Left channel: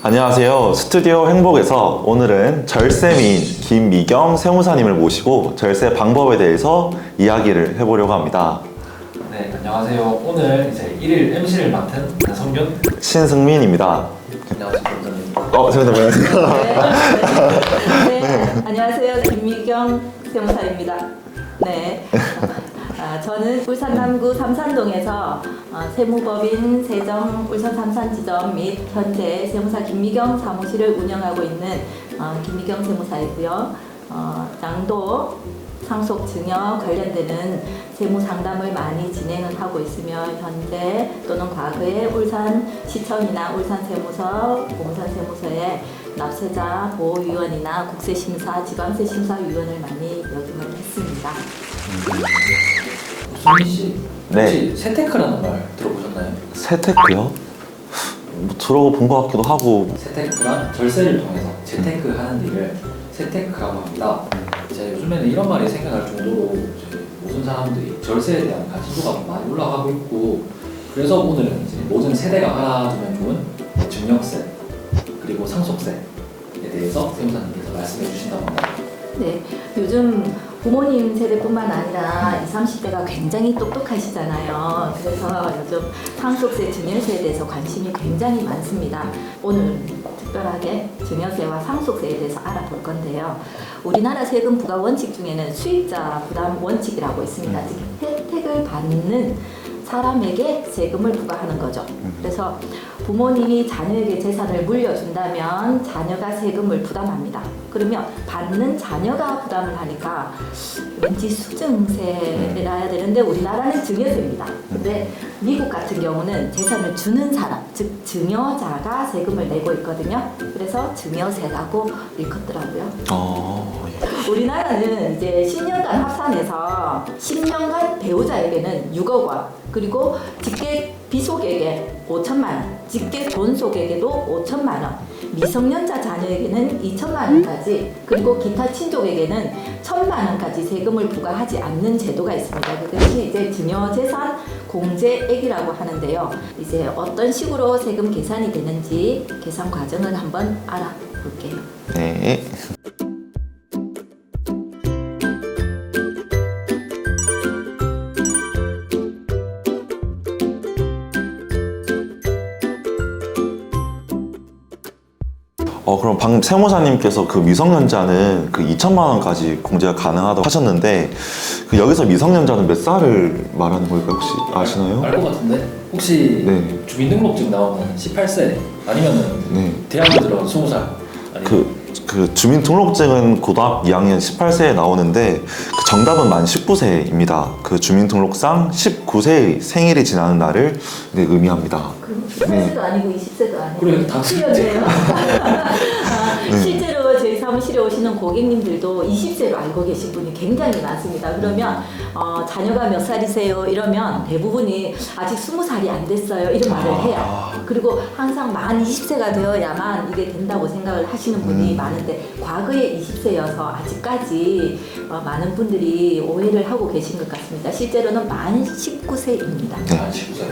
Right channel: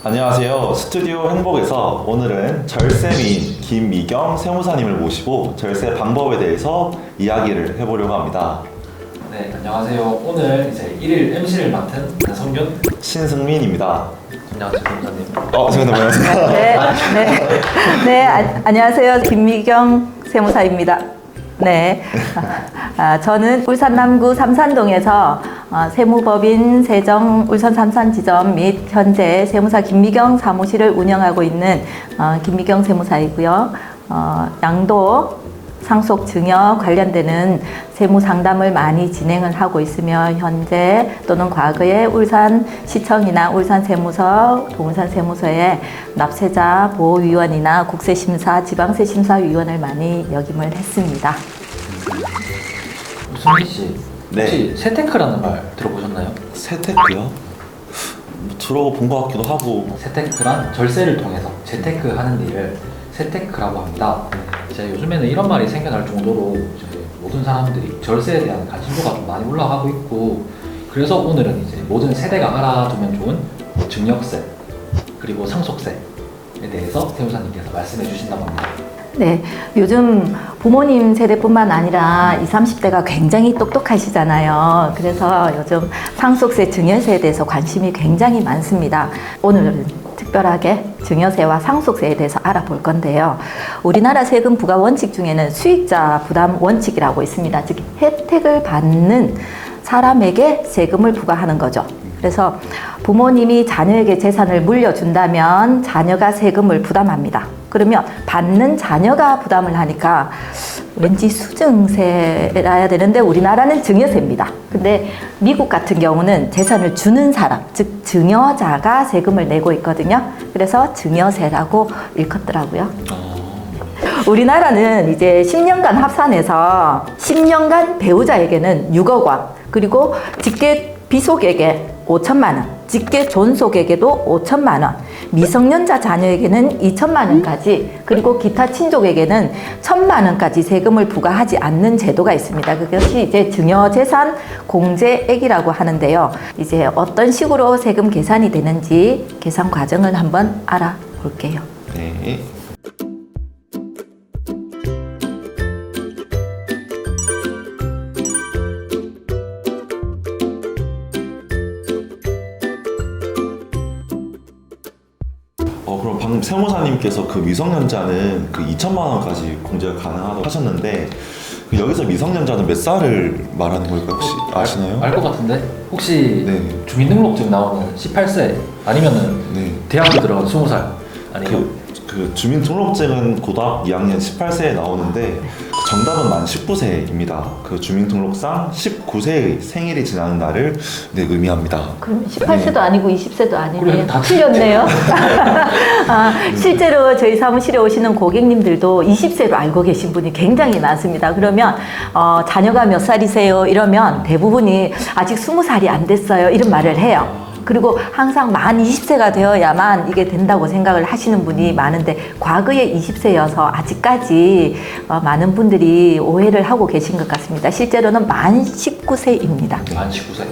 안녕하세요. 스튜디오 행복에서 오늘은 절세미인 김미경 세무사님을 모시고 절세 방법에 대해서 이야기를 해보려고 합니다. 네, 안녕하세요. 오늘 이제 1일 MC를 맡은 성균. 신승민입니다. 안녕하세요, 변호사님. 저희도 보내주세요. 안녕하세요. 김미경 세무사입니다. 네. 저는 울산 남구 삼산동에서 세무법인 세정 울산 삼산지점 및 현재 세무사 김미경 사무실을 운영하고 있는 김미경 세무사이고요. 양도 상속 증여 관련되는 세무 상담을 많이 진행을 하고 있으며 현재 또는 과거에 울산시청이나 울산세무서, 동울산세무서의 납세자 보호위원이나 국세심사, 지방세심사위원을 많이 역임을 했습니다. 수민 씨, 네. 혹시 세테크라는 말 들어보셨나요? 세테크요? 들어본 것 같기도 하고. 세테크란 절세를 통해서 재테크하는 일을 세테크라고 합니다. 이제 요즘에는 이런 말이 생겨날 정도로 이제 모든 사람들이 절세에 대한 관심도가 좀 많이 올라가고 있고, 그래서 오늘은 이제 모든 세대가 알아두면 좋은 증여세 그리고 상속세에 대해서 세무사님께서 말씀해 주신다고 합니다. 네, 요즘 부모님 세대뿐만 아니라 20, 30대가 굉장히 똑똑하시잖아요. 그래서 요즘 상속세, 증여세에 대해서 관심이 굉장히 많습니다. 오늘은 특별하게 증여세와 상속세에 대해서 알아볼 건데요. 우리나라 세금 부과 원칙 중에는 수익자 부담 원칙이라고 있습니다. 즉 혜택을 받는 사람에게 세금을 부과하는 거죠. 그래서 부모님이 자녀에게 재산을 물려준다면 자녀가 세금을 부담합니다. 그러면 받는 자녀가 부담을 하니까 왠지 수증세라야 되는데 우리나라는 증여세입니다. 근데 미국 같은 경우는 재산을 주는 사람, 즉 증여자가 세금을 내고 있거든요. 그래서 증여세라고 일컫더라고요. 우리나라는 이제 10년간 합산해서 10년간 배우자에게는 6억 원, 그리고 직계 비속에게 5천만 원, 직계 존속에게도 5천만 원, 미성년자 자녀에게는 2천만 원까지, 그리고 기타 친족에게는 1천만 원까지 세금을 부과하지 않는 제도가 있습니다. 그것이 이제 증여재산 공제액이라고 하는데요. 이제 어떤 식으로 세금 계산이 되는지 계산 과정을 한번 알아볼게요. 네. 그럼 방금 세무사님께서 그 미성년자는 그 2천만 원까지 공제가 가능하다고 하셨는데, 그 여기서 미성년자는 몇 살을 말하는 걸까요? 혹시 아시나요? 알 것 같은데? 혹시 네. 주민등록증 나오는 18세 아니면은 네. 대학교 들어간 20살 아니면 그 주민등록증은 고등학교 2학년 18세에 나오는데 그 정답은 만 19세입니다. 그 주민등록상 19세의 생일이 지나는 날을 의미합니다. 그럼 18세도 아니고 20세도 아니고 그래, 다 틀렸네요. 실제로 저희 사무실에 오시는 고객님들도 20세로 알고 계신 분이 굉장히 많습니다. 그러면 자녀가 몇 살이세요? 이러면 대부분이 아직 20살이 안 됐어요. 이런 말을 해요. 그리고 항상 만 20세가 되어야만 이게 된다고 생각을 하시는 분이 많은데, 과거에 20세여서 아직까지 많은 분들이 오해를 하고 계신 것 같습니다. 실제로는 만 19세입니다. 만 19세.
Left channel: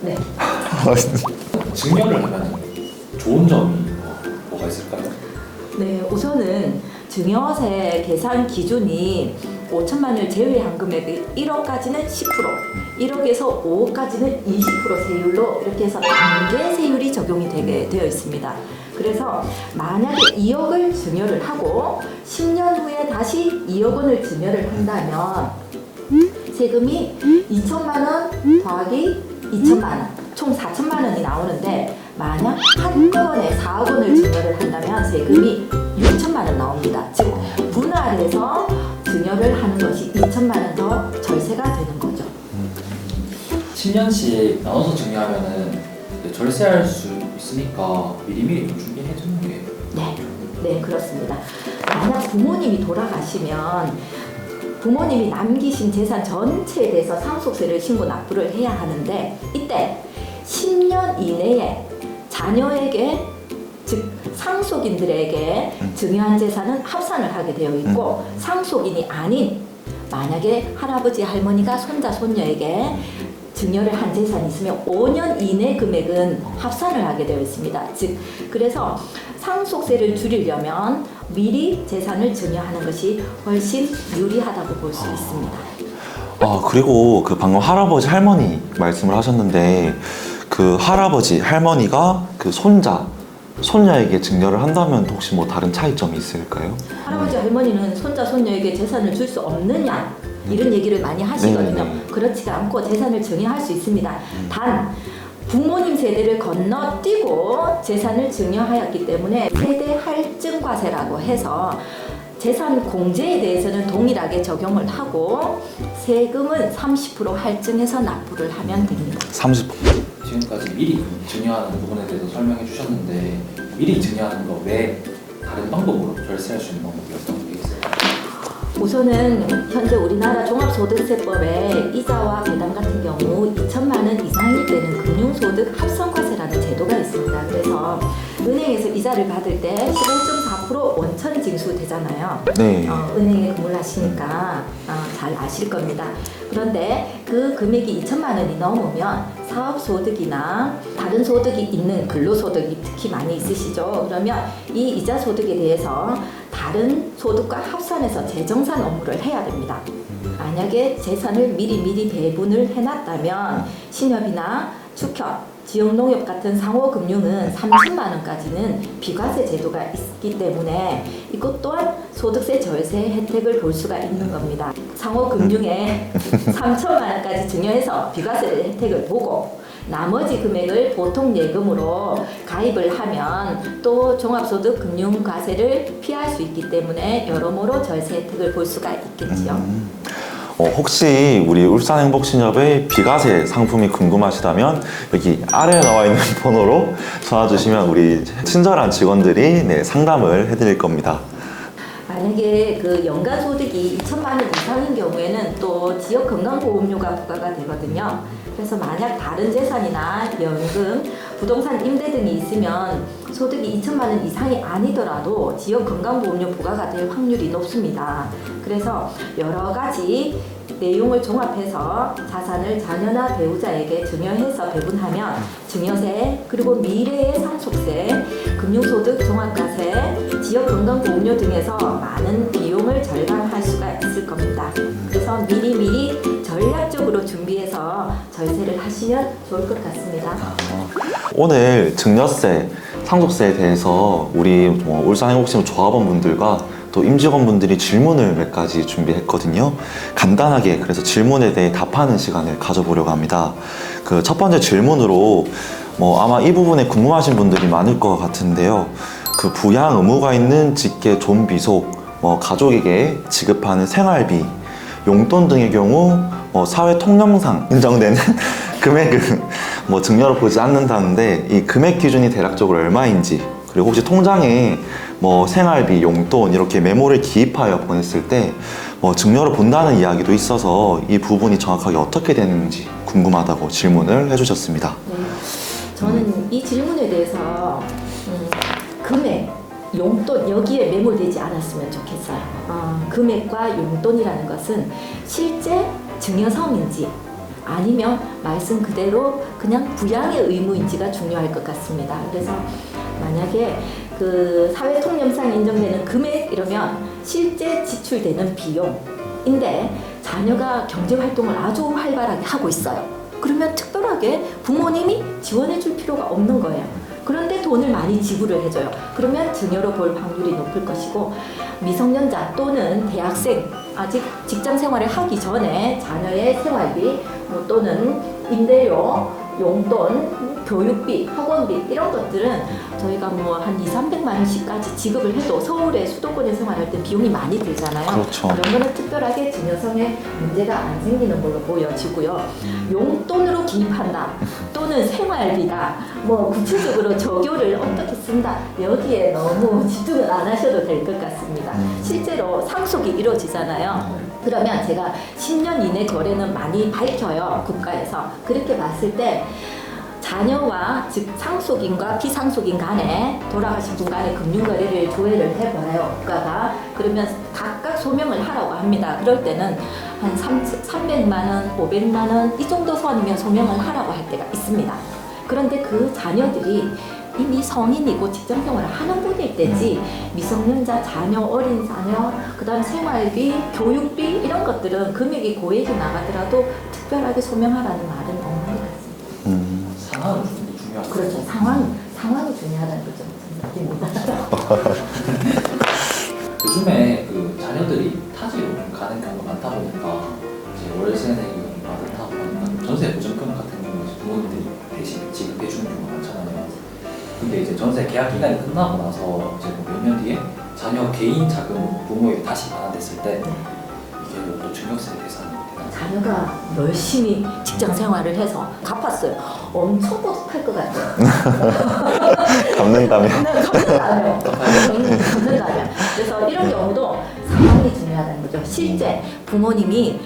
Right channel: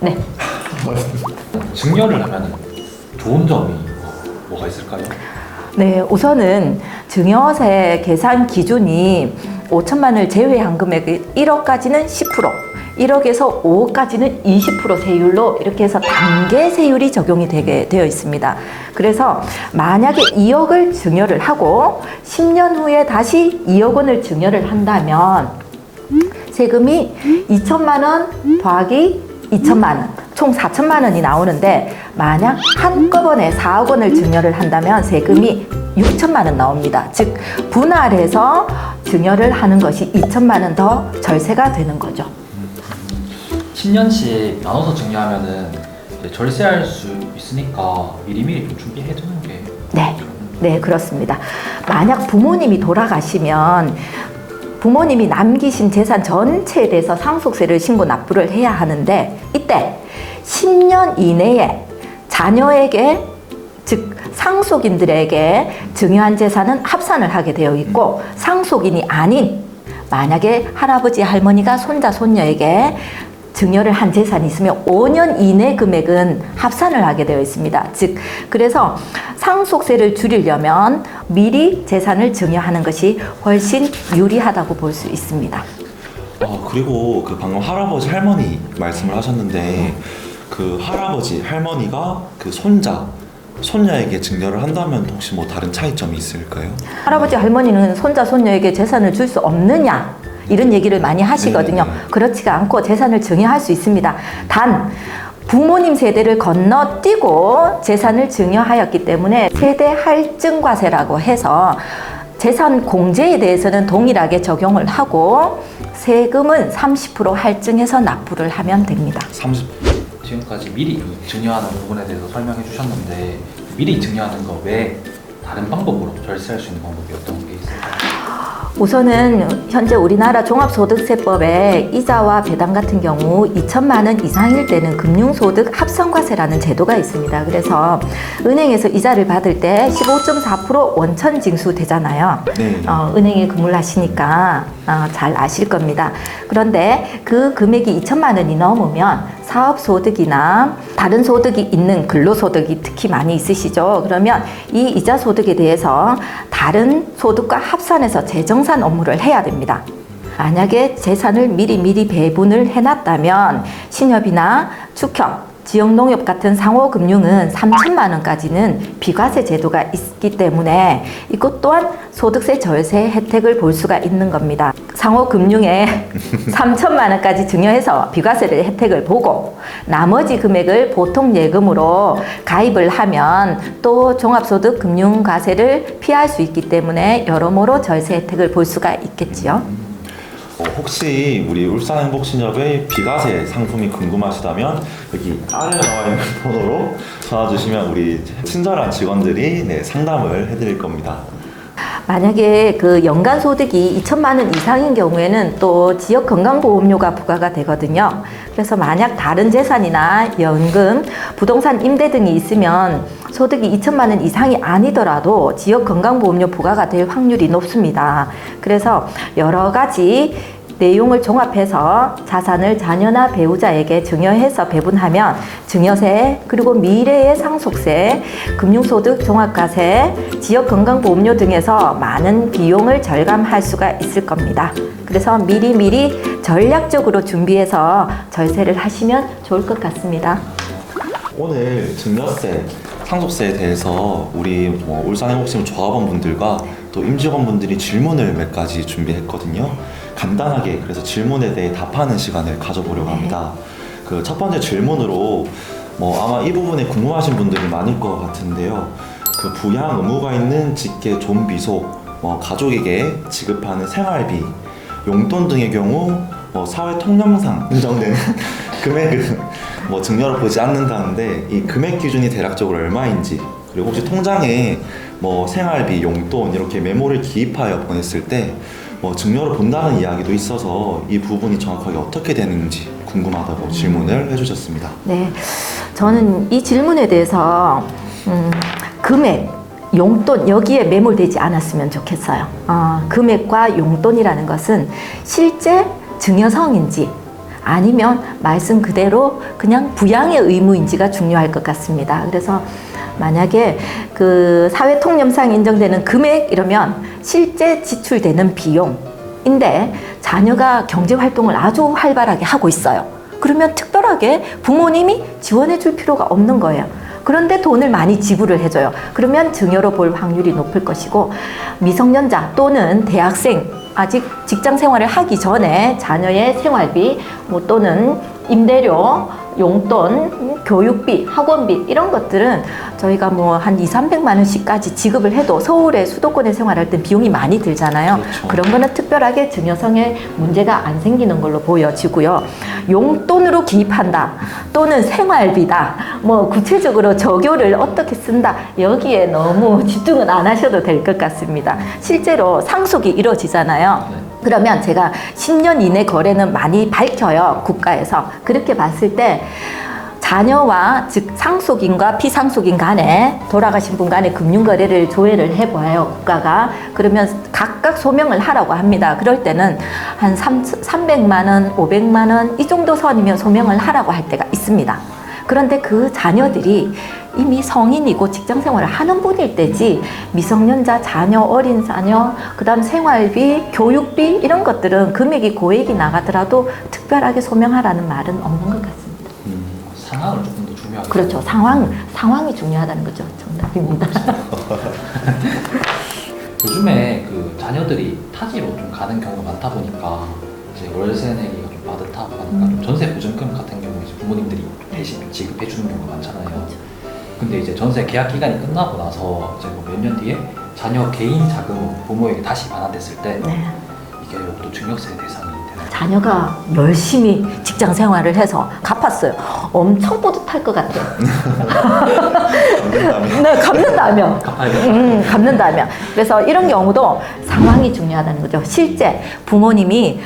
네. 증여를 하면 좋은 점이 뭐가 있을까요? 네, 우선은 증여세 계산 기준이 5천만 원을 제외한 금액이 1억까지는 10%, 1억에서 5억까지는 20% 세율로 이렇게 해서 단계 세율이 적용이 되게 되어 있습니다. 그래서 만약에 2억을 증여를 하고 10년 후에 다시 2억 원을 증여를 한다면 세금이 2천만 원 더하기 2천만 원, 총 4천만 원이 나오는데, 만약 한꺼번에 4억 원을 증여를 한다면 세금이 6천만 원 나옵니다. 즉 분할해서 증여를 하는 것이 2천만 원 더 절세가 되는 거죠. 10년씩 나눠서 증여하면은 절세할 수 있으니까 미리미리 좀 준비해 두는 게. 네, 그렇습니다. 만약 부모님이 돌아가시면 부모님이 남기신 재산 전체에 대해서 상속세를 신고 납부를 해야 하는데, 이때 10년 이내에 자녀에게, 즉 상속인들에게 증여한 재산은 합산을 하게 되어 있고, 상속인이 아닌 만약에 할아버지 할머니가 손자 손녀에게 증여를 한 재산이 있으면 5년 이내 금액은 합산을 하게 되어 있습니다. 즉 그래서 상속세를 줄이려면 미리 재산을 증여하는 것이 훨씬 유리하다고 볼 수 있습니다. 그리고 그 방금 할아버지 할머니 말씀을 하셨는데 그 할아버지 할머니가 그 손녀에게 증여를 한다면 혹시 뭐 다른 차이점이 있을까요? 할아버지 할머니는 손자 손녀에게 재산을 줄 수 없느냐 이런 얘기를 많이 하시거든요. 그렇지가 않고 재산을 증여할 수 있습니다. 단 부모님 세대를 건너뛰고 재산을 증여하였기 때문에 세대 할증과세라고 해서 재산 공제에 대해서는 동일하게 적용을 하고 세금은 30% 할증해서 납부를 하면 됩니다. 30%. 지금까지 미리 증여하는 부분에 대해서 설명해 주셨는데 미리 증여하는 거 외에 다른 방법으로 절세할 수 있는 방법이 어떤 게 있을까요? 우선은 현재 우리나라 종합소득세법에 이자와 배당 같은 경우 2천만 원 이상일 때는 금융소득 합성과세라는 제도가 있습니다. 그래서 은행에서 이자를 받을 때 15.4% 원천 징수되잖아요. 네. 은행에 근무를 하시니까 잘 아실 겁니다. 그런데 그 금액이 2천만 원이 넘으면 사업소득이나 다른 소득이 있는 근로소득이 특히 많이 있으시죠. 그러면 이 이자 소득에 대해서 다른 소득과 합산해서 재정산 업무를 해야 됩니다. 만약에 재산을 미리 배분을 해놨다면 신협이나 축협, 지역농협 같은 상호금융은 3천만 원까지는 비과세 제도가 있기 때문에 이것 또한 소득세 절세 혜택을 볼 수가 있는 겁니다. 상호금융에 3천만 원까지 증여해서 비과세를 혜택을 보고 나머지 금액을 보통예금으로 가입을 하면 또 종합소득금융과세를 피할 수 있기 때문에 여러모로 절세 혜택을 볼 수가 있겠지요. 혹시 우리 울산행복신협의 비과세 상품이 궁금하시다면 여기 아래에 나와 있는 번호로 전화 주시면 우리 친절한 직원들이 상담을 해드릴 겁니다. 만약에 그 연간 소득이 2천만 원 이상인 경우에는 또 지역 건강보험료가 부과가 되거든요. 그래서 만약 다른 재산이나 연금, 부동산 임대 등이 있으면 소득이 2천만 원 이상이 아니더라도 지역 건강보험료 부과가 될 확률이 높습니다. 그래서 여러 가지 내용을 종합해서 자산을 자녀나 배우자에게 증여해서 배분하면 증여세, 그리고 미래의 상속세, 금융소득 종합과세, 지역건강보험료 등에서 많은 비용을 절감할 수가 있을 겁니다. 그래서 미리 전략적으로 준비해서 절세를 하시면 좋을 것 같습니다. 오늘 증여세, 상속세에 대해서 우리 울산행복신협 조합원 분들과 또 임직원분들이 질문을 몇 가지 준비했거든요. 간단하게 그래서 질문에 대해 답하는 시간을 가져보려고 합니다. 그 첫 번째 질문으로 아마 이 부분에 궁금하신 분들이 많을 것 같은데요. 그 부양 의무가 있는 직계 존비속, 가족에게 지급하는 생활비, 용돈 등의 경우 사회 통념상 인정되는 금액은 증여로 보지 않는다는데 이 금액 기준이 대략적으로 얼마인지, 그리고 혹시 통장에 생활비, 용돈 이렇게 메모를 기입하여 보냈을 때 증여를 본다는 이야기도 있어서 이 부분이 정확하게 어떻게 되는지 궁금하다고 질문을 해주셨습니다. 네, 저는 이 질문에 대해서 금액, 용돈 여기에 매몰되지 않았으면 좋겠어요. 금액과 용돈이라는 것은 실제 증여성인지 아니면 말씀 그대로 그냥 부양의 의무인지가 중요할 것 같습니다. 그래서 만약에 그 사회통념상 인정되는 금액 이러면 실제 지출되는 비용인데 자녀가 경제활동을 아주 활발하게 하고 있어요. 그러면 특별하게 부모님이 지원해 줄 필요가 없는 거예요. 그런데 돈을 많이 지불을 해줘요. 그러면 증여로 볼 확률이 높을 것이고, 미성년자 또는 대학생 아직 직장 생활을 하기 전에 자녀의 생활비 또는 임대료, 용돈, 교육비, 학원비 이런 것들은 저희가 한 200~300만 원씩까지 지급을 해도 서울의 수도권에 생활할 때 비용이 많이 들잖아요. 그렇죠. 그런 거는 특별하게 증여성에 문제가 안 생기는 걸로 보여지고요. 용돈으로 기입한다 또는 생활비다, 구체적으로 적요를 어떻게 쓴다, 여기에 너무 집중은 안 하셔도 될 것 같습니다. 실제로 상속이 이루어지잖아요. 그러면 제가 10년 이내 거래는 많이 밝혀요, 국가에서. 그렇게 봤을 때 자녀와 즉 상속인과 피상속인 간에 돌아가신 분 간에 금융거래를 조회를 해봐요, 국가가. 그러면 각각 소명을 하라고 합니다. 그럴 때는 한 300만 원, 500만 원 이 정도 선이면 소명을 하라고 할 때가 있습니다. 그런데 그 자녀들이 이미 성인이고 직장 생활을 하는 분일 때지 미성년자 자녀, 어린 자녀, 그다음 생활비, 교육비 이런 것들은 금액이 고액이 나가더라도 특별하게 소명하라는 말은 없는 것 같습니다. 상황을 조금 더 중요하게. 그렇죠. 상황이 중요하다는 거죠. 정답입니다. 요즘에 그 자녀들이 타지로 좀 가는 경우가 많다 보니까 이제 월세 내기가 좀 빠듯하고 하니까 전세 보증금 같은 경우에 이제 부모님들이 대신 지급해 주는 경우가 많잖아요. 근데 이제 전세 계약 기간이 끝나고 나서 이제 뭐 몇 년 뒤에 자녀 개인 자금은 부모에게 다시 반환됐을 때 네. 이게 또 증여세 대상이 되나요? 자녀가 열심히 직장 생활을 해서 갚았어요. 엄청 뿌듯할 것 같아요. 갚는다면. 네, 갚는다면. 갚는다면. 그래서 이런 경우도 상황이 중요하다는 거죠. 실제 부모님이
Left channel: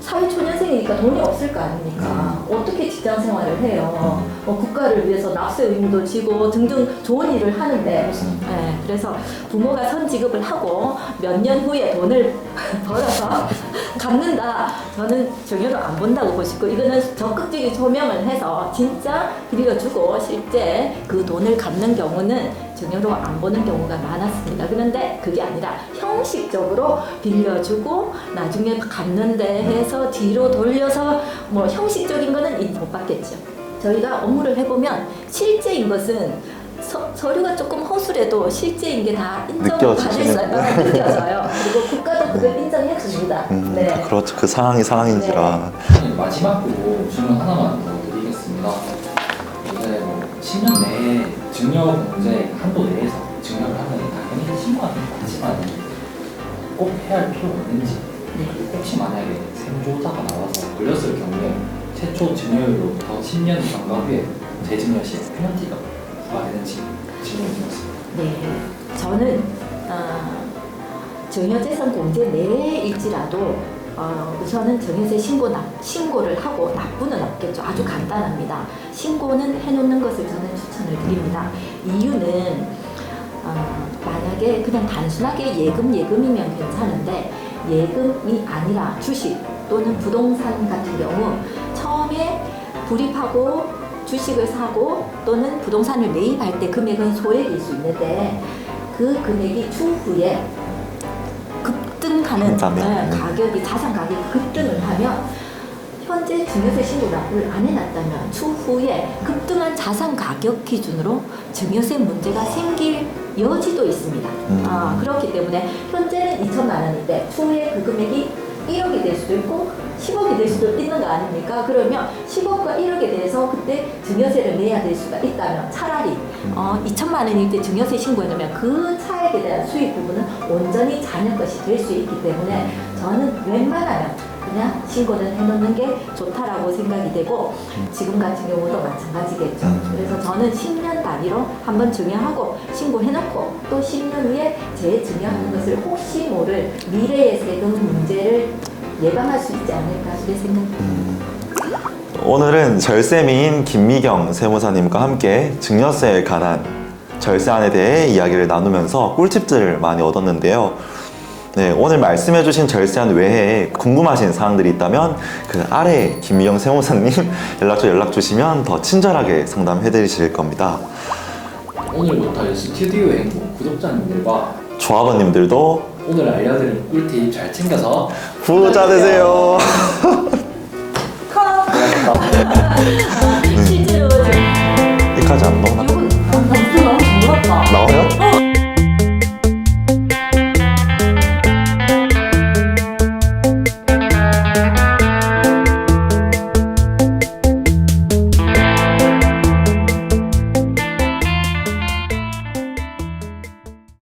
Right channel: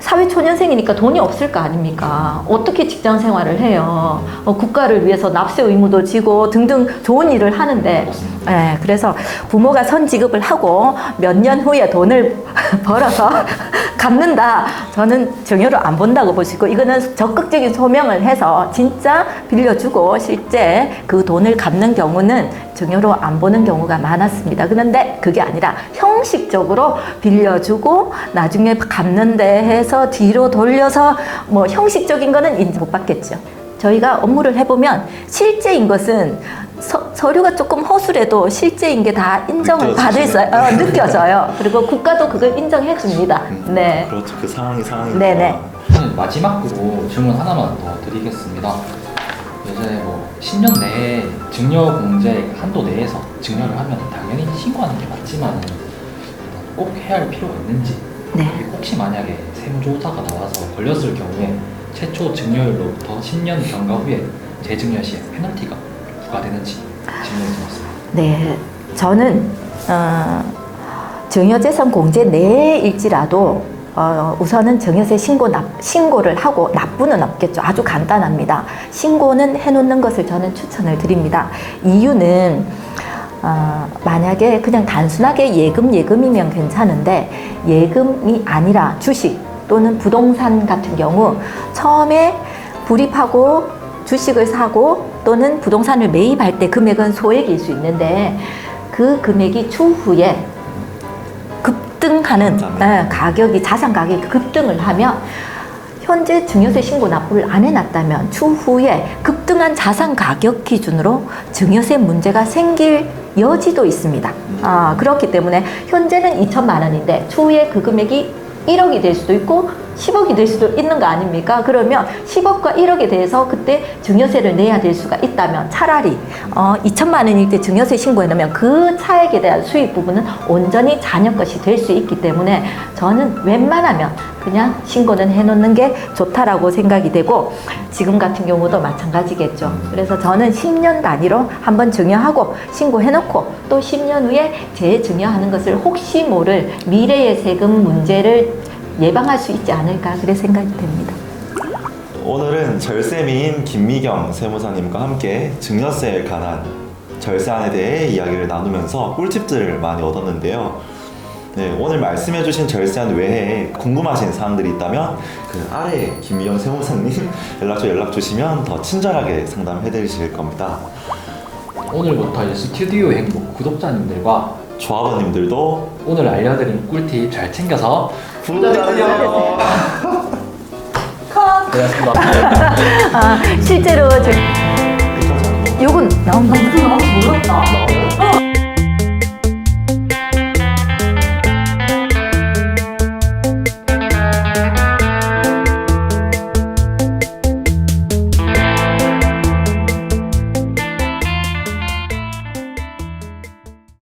사회초년생이니까 돈이 없을 거 아닙니까? 어떻게 직장 생활을 해요? 국가를 위해서 납세 의무도 지고 등등 좋은 일을 하는데, 네, 그래서 부모가 선지급을 하고 몇 년 후에 돈을 벌어서 갚는다. 저는 증여로 안 본다고 보시고, 이거는 적극적인 소명을 해서 진짜 빌려주고 실제 그 돈을 갚는 경우는 증여로 안 보는 경우가 많았습니다. 그런데 그게 아니라 형식적으로 빌려주고 나중에 갚는데 해서 뒤로 돌려서 뭐 형식적인 거는 인지 못 받겠죠. 저희가 업무를 해보면 실제인 것은 서류가 조금 허술해도 실제인 게 다 인정을 받을 수 느껴져요. 그리고 국가도 그걸 인정해 줍니다. 네. 그렇죠. 그 상황이니까. 네네. 마지막으로 질문 하나만 더 드리겠습니다. 이제 뭐 10년 내에 증여 공제 한도 내에서 증여를 하면 당연히 신고하는 게 맞지만 꼭 해야 할 필요가 있는지, 네. 그리고 혹시 만약에 세무조사가 나와서 걸렸을 경우에 최초 증여일로부터 10년 경과 후에 재증여 시에 페널티가 부과되는지 질문이 들었습니다. 네, 저는 증여재산 공제 내일지라도 우선은 증여세 신고를 하고 납부는 없겠죠. 아주 간단합니다. 신고는 해놓는 것을 저는 추천을 드립니다. 이유는 만약에 그냥 단순하게 예금이면 괜찮은데 예금이 아니라 주식 또는 부동산 같은 경우 처음에 불입하고 주식을 사고 또는 부동산을 매입할 때 금액은 소액일 수 있는데 그 금액이 추후에 급등하는 가격이 자산 가격이 급등을 하면 현재 증여세 신고 납부를 안 해놨다면 추후에 급등한 자산 가격 기준으로 증여세 문제가 생길 여지도 있습니다. 그렇기 때문에 현재는 2천만 원인데 추후에 그 금액이 1억이 될 수도 있고 10억이 될 수도 있는 거 아닙니까? 그러면 10억과 1억에 대해서 그때 증여세를 내야 될 수가 있다면 차라리 2천만 원일 때 증여세 신고해 놓으면 그 차액에 대한 수익 부분은 온전히 자녀 것이 될 수 있기 때문에 저는 웬만하면 그냥 신고는 해놓는 게 좋다라고 생각이 되고 지금 같은 경우도 마찬가지겠죠. 그래서 저는 10년 단위로 한번 증여하고 신고해놓고 또 10년 후에 재증여하는 것을 혹시 모를 미래의 세금 문제를 예방할 수 있지 않을까 그래 생각이 됩니다. 오늘은 절세미인 김미경 세무사님과 함께 증여세에 관한 절세안에 대해 이야기를 나누면서 꿀팁들을 많이 얻었는데요. 네, 오늘 말씀해주신 절세안 외에 궁금하신 사항들이 있다면 그 아래 김미경 세무사님 연락 주시면 더 친절하게 상담해 드릴 겁니다. 오늘부터 스튜디오 행복 구독자님들과 조합원님들도 오늘 알려드린 꿀팁 잘 챙겨서 부자 되세요. 컷! 고맙습니다.